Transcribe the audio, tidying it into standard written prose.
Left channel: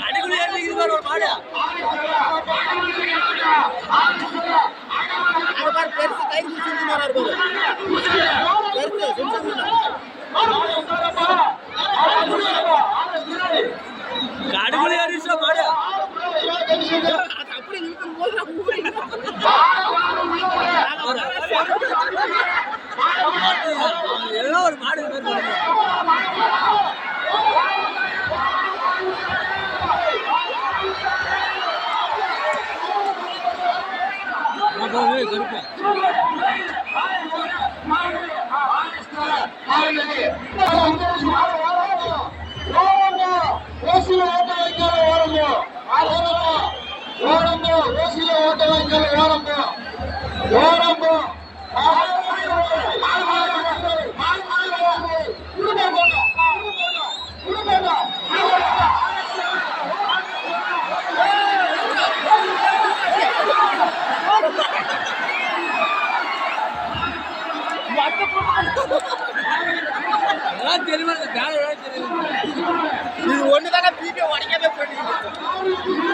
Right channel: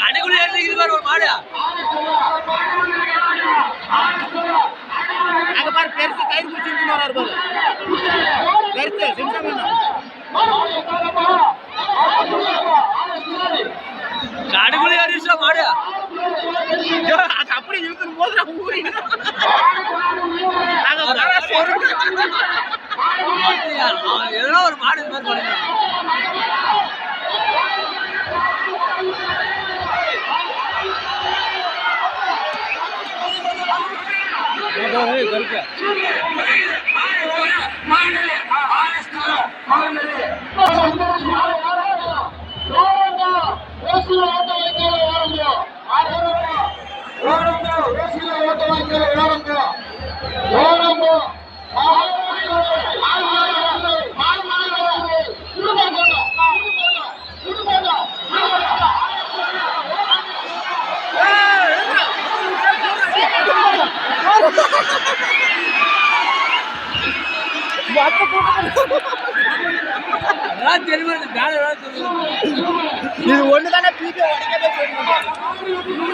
கடைக்குள்ள ஏறிக்குது பாரு ஒரு மாடு. அங்க பாரு பெருசு கயிறு பிடிச்சிட்டு வராரு பாரு. பெருசு சிம்சம் கடைக்குள்ள ஏறிச்சா மாடு. அது அப்படி இழுக்கும் போது நான் ஊறிடுவேன். எதனா ஒரு மாடு இது மாதிரி பண்ணுங்க. கருப்பு ஓசில ஓட்ட வைக்கல ஓரம்போ ஓரம்போ ஓசில ஓட்ட வைக்கல ஓரம்போ ஓரம்போ தெரியுமா? இது ஒண்ணுதானே பீட்டை உடைக்கவே போயிடுது.